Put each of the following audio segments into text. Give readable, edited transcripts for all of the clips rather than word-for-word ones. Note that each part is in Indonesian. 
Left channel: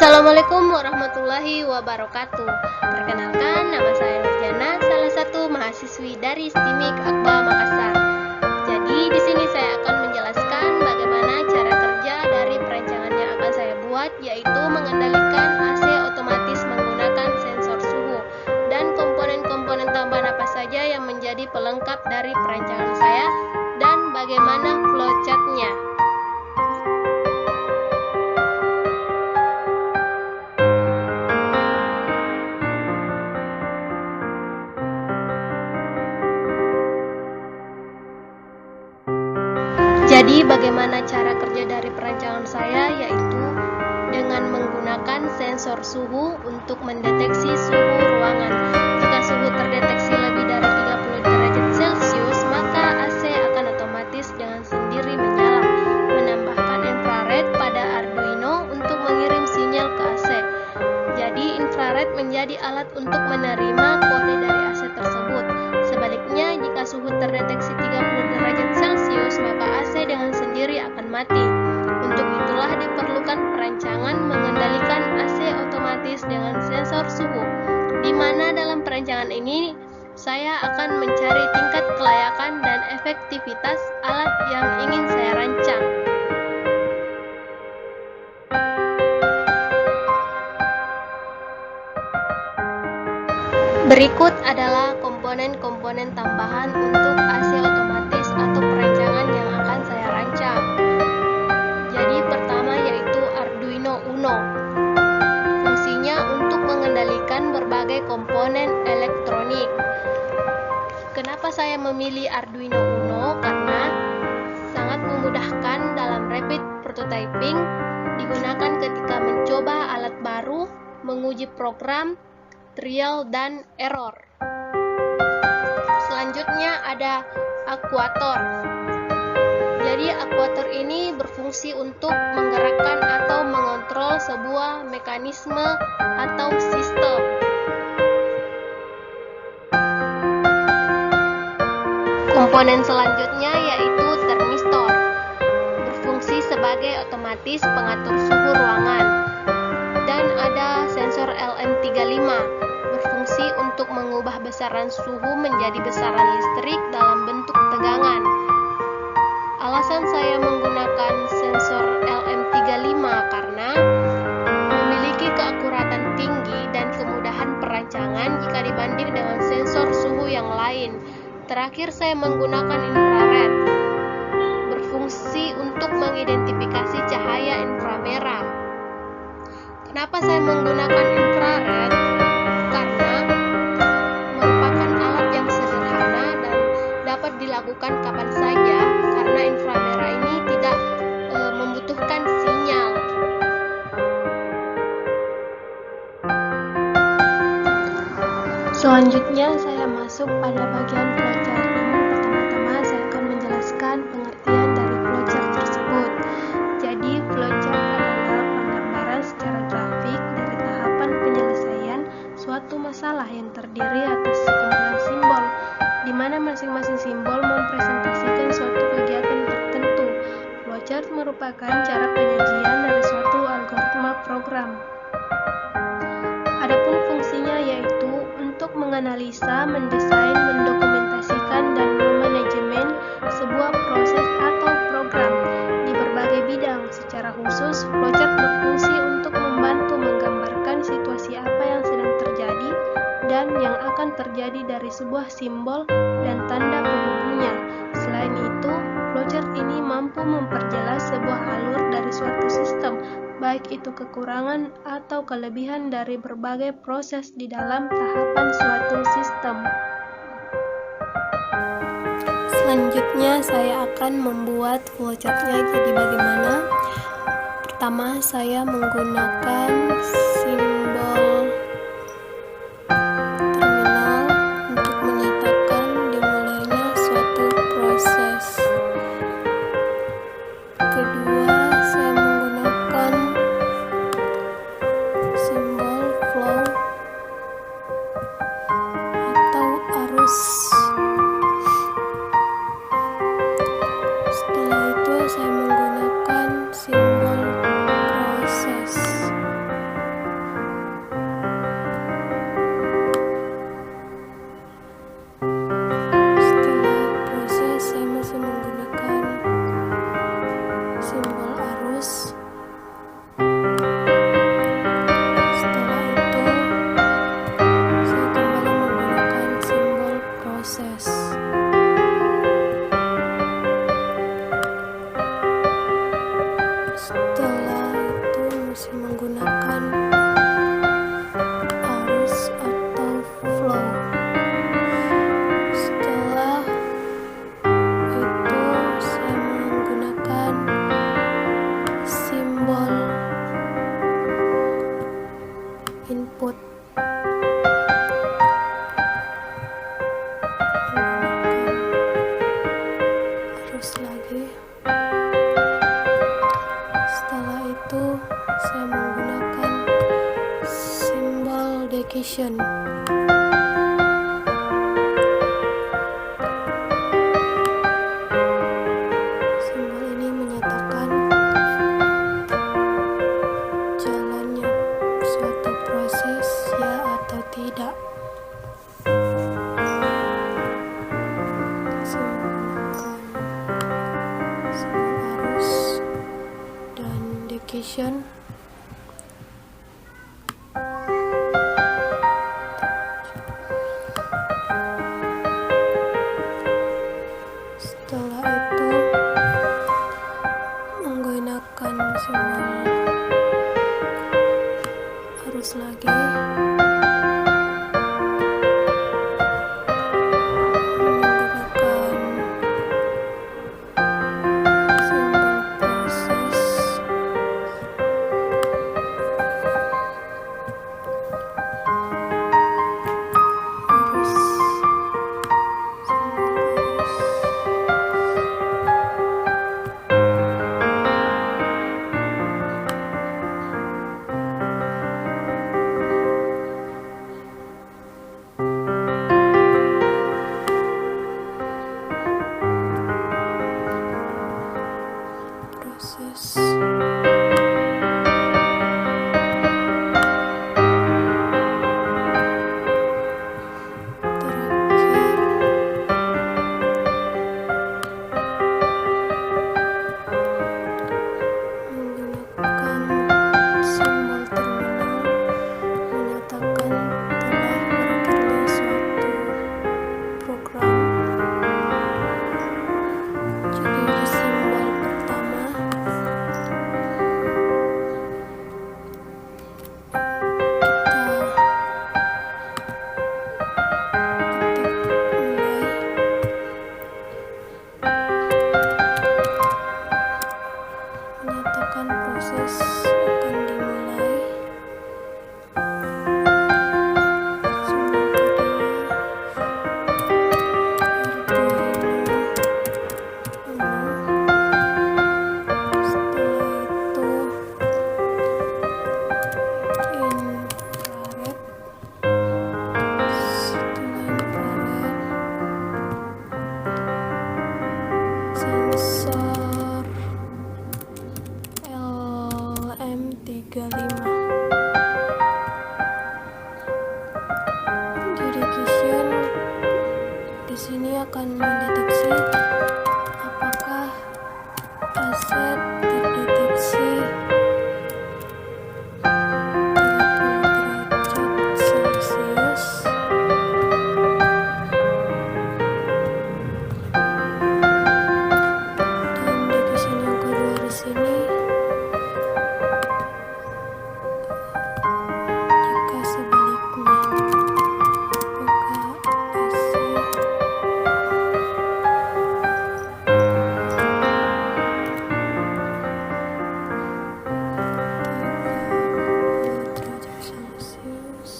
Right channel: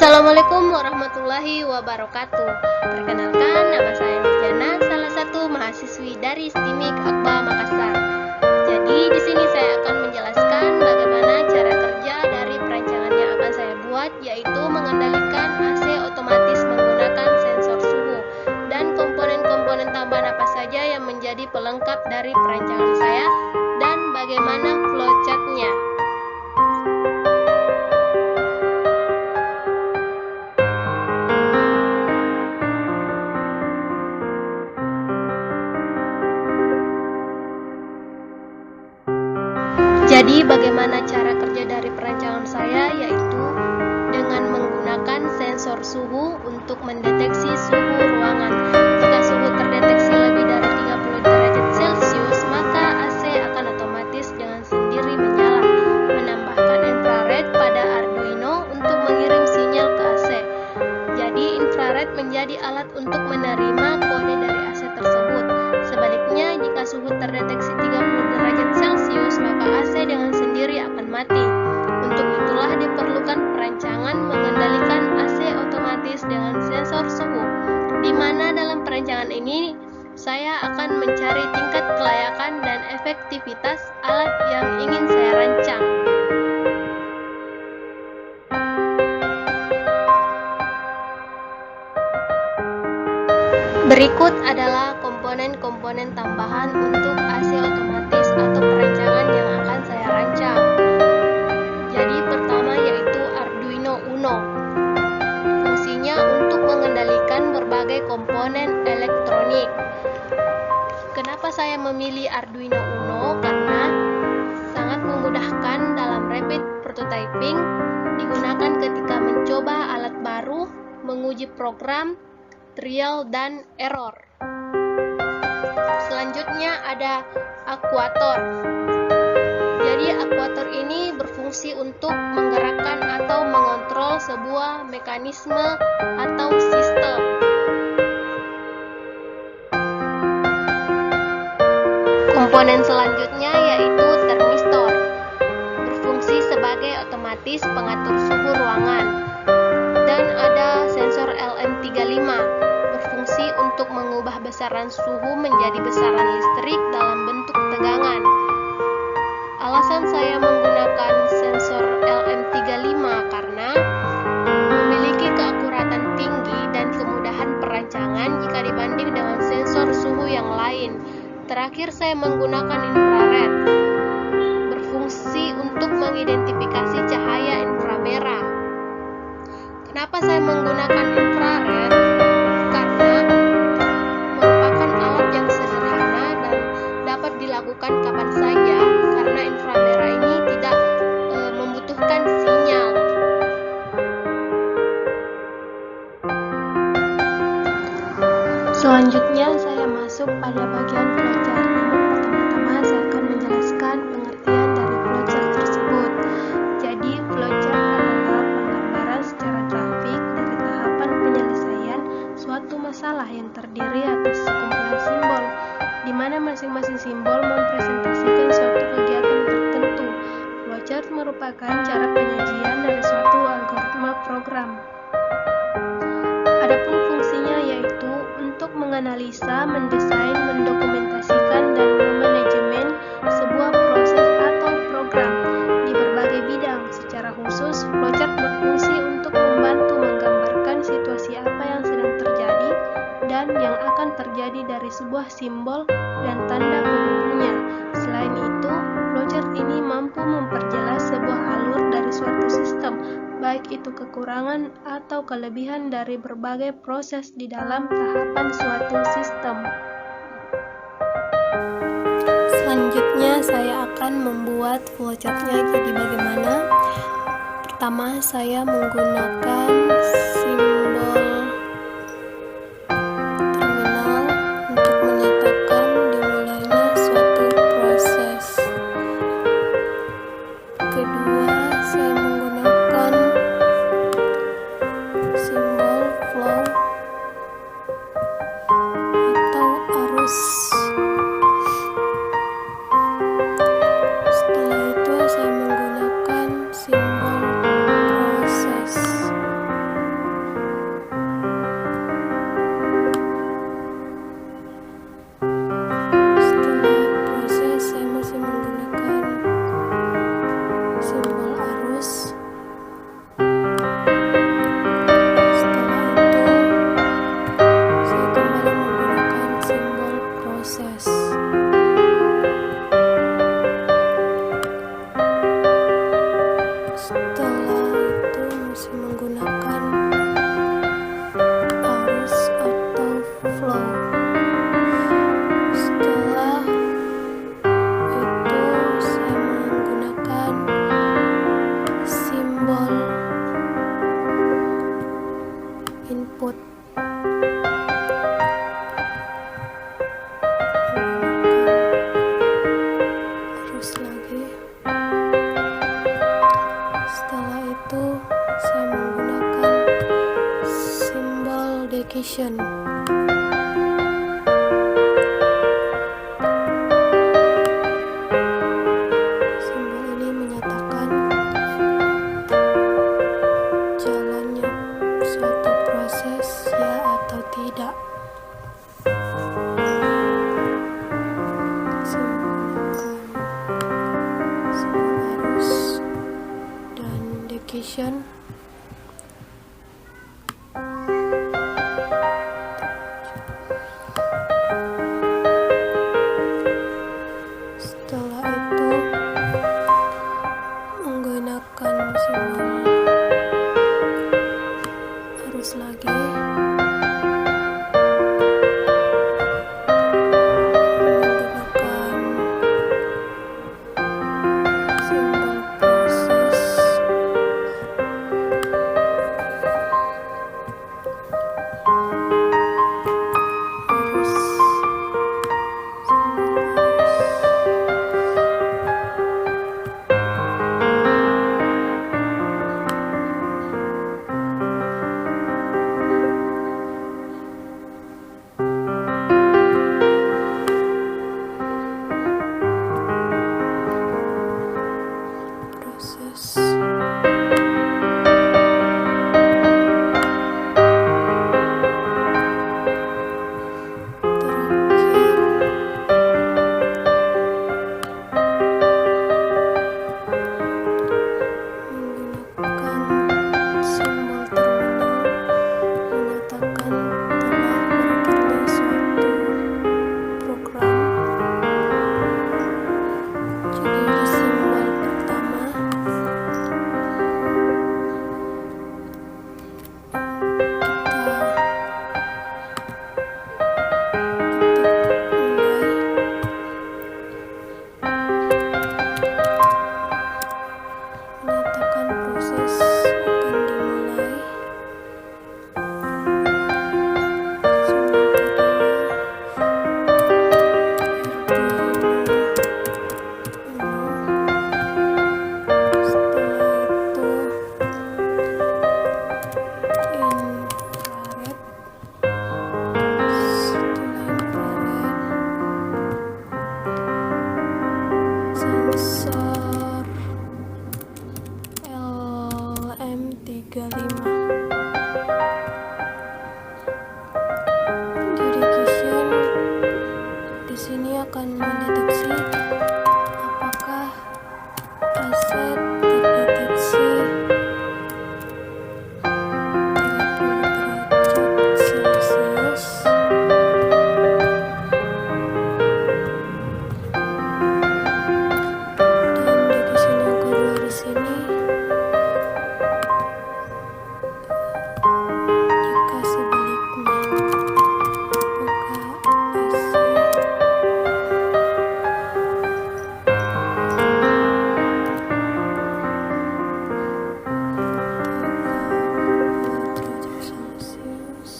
Assalamualaikum warahmatullahi wabarakatuh. Perkenalkan, nama saya Nurjana, salah satu mahasiswi dari STIMIK Akba Makassar. Jadi di sini saya akan menjelaskan bagaimana cara kerja dari perancangan yang akan saya buat, yaitu mengendalikan AC otomatis menggunakan sensor suhu dan komponen-komponen tambahan apa saja yang menjadi pelengkap dari perancangan saya dan bagaimana flowchart-nya. Jadi bagaimana cara kerja dari perancangan saya, yaitu dengan menggunakan sensor suhu untuk mendeteksi suhu ruangan. Jika suhu terdeteksi lebih dari 30 derajat Celcius, maka AC akan otomatis dengan sendiri menyala. Menambahkan infrared pada Arduino untuk mengirim sinyal ke AC. Jadi infrared menjadi alat untuk menerima kode dari AC tersebut. Sebaliknya, jika suhu terdeteksi 30 derajat Celcius, maka AC dengan sendiri akan mati. Untuk itulah diperlukan perancangan mengendalikan AC otomatis dengan sensor suhu, di mana dalam perancangan ini saya akan mencari tingkat kelayakan dan efektivitas alat yang ingin saya rancang. Berikut adalah komponen-komponen tambahan untuk AC otomatis atau perancangan yang akan saya rancang. Jadi pertama yaitu Arduino Uno. Fungsinya untuk mengendalikan berbagai komponen elektronik. Kenapa saya memilih Arduino Uno? Karena sangat memudahkan dalam rapid prototyping, digunakan ketika mencoba alat baru, menguji program, trial dan error. Selanjutnya ada aktuator. Jadi aktuator ini berfungsi untuk menggerakkan atau mengontrol sebuah mekanisme atau sistem. Komponen selanjutnya yaitu termistor. Berfungsi sebagai otomatis pengatur suhu ruangan. Dan ada sensor LM35, berfungsi untuk mengubah besaran suhu menjadi besaran listrik dalam bentuk tegangan. Alasan saya menggunakan sensor LM35 karena memiliki keakuratan tinggi dan kemudahan perancangan jika dibanding dengan sensor suhu yang lain. Terakhir, saya menggunakan infrared, berfungsi untuk mengidentifikasi cahaya inframerah. Kenapa saya menggunakan infrared? Karena merupakan alat yang sederhana dan dapat dilakukan kapan saja, karena inframerah ini tidak membutuhkan sinyal. Selanjutnya saya masuk pada bagian flowchart. Namun pertama-tama saya akan menjelaskan pengertian dari flowchart tersebut. Jadi flowchart adalah penggambaran secara grafik dari tahapan penyelesaian suatu masalah yang terdiri atas sekumpulan simbol, di mana masing-masing simbol mempresentasikan suatu kegiatan tertentu. Flowchart merupakan cara penyajian dari suatu algoritma program. Adapun fungsinya yaitu untuk menganalisa, mendesain, mendokumentasikan, dan memanajemen sebuah proses atau program di berbagai bidang. Secara khusus, flowchart berfungsi untuk membantu menggambarkan situasi apa yang sedang terjadi dan yang akan terjadi dari sebuah simbol dan tanda penghubungnya. Selain itu, flowchart ini mampu memperjelas sebuah alur dari suatu sistem, baik itu kekurangan atau kelebihan dari berbagai proses di dalam tahapan suatu sistem. Selanjutnya saya akan membuat flowchart-nya. Jadi bagaimana? Pertama, saya menggunakan simbol terminal untuk menyatakan dimulainya suatu proses. Kedua, saya menggunakan simbol flow atau arus. Setelah itu saya menggunakan simbol proses. dedication. Simbol ini menyatakan jalannya suatu proses, ya atau tidak. Menggunakan simbol arus dan dedication. Setelah itu menggunakan simbol arus lagi, menggunakan simbol proses, arus, simbol arus. Proses. Terakhir, menggunakan simbol terminal menyatakan telah berakhirnya suatu program. Jadi di simbol pertama kita ketik mulai, menyatakan proses akan dimulai. Simbol kedua Arduino Uno. Setelah itu infrared. Setelah infrared, sensor LM35. Dedication di sini akan mendeteksi apakah aset terdeteksi 30 derajat Celcius. Dan dedication yang kedua di sini, jika sebaliknya apakah AC 30 derajat Celcius.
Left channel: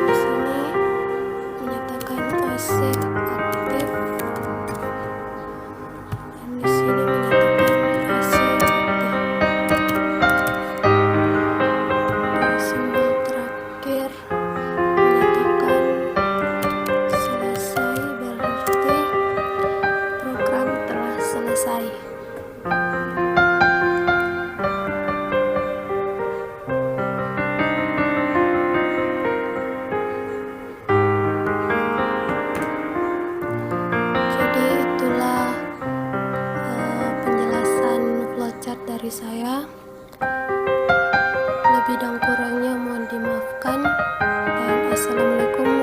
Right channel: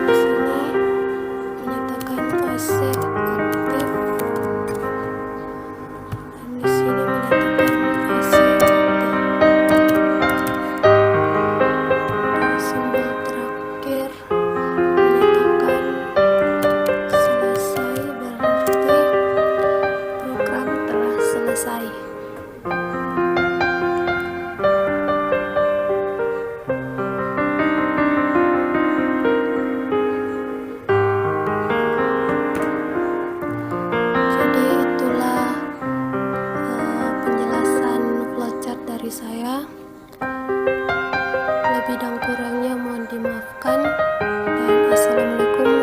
Di sini menyatakan AC aktif, dan di sini menyatakan AC mati. Dan simbol terakhir menyatakan selesai, berarti program telah selesai. Jadi itulah penjelasan flowchart dari saya. Lebih dan kurangnya mohon dimaafkan, dan assalamualaikum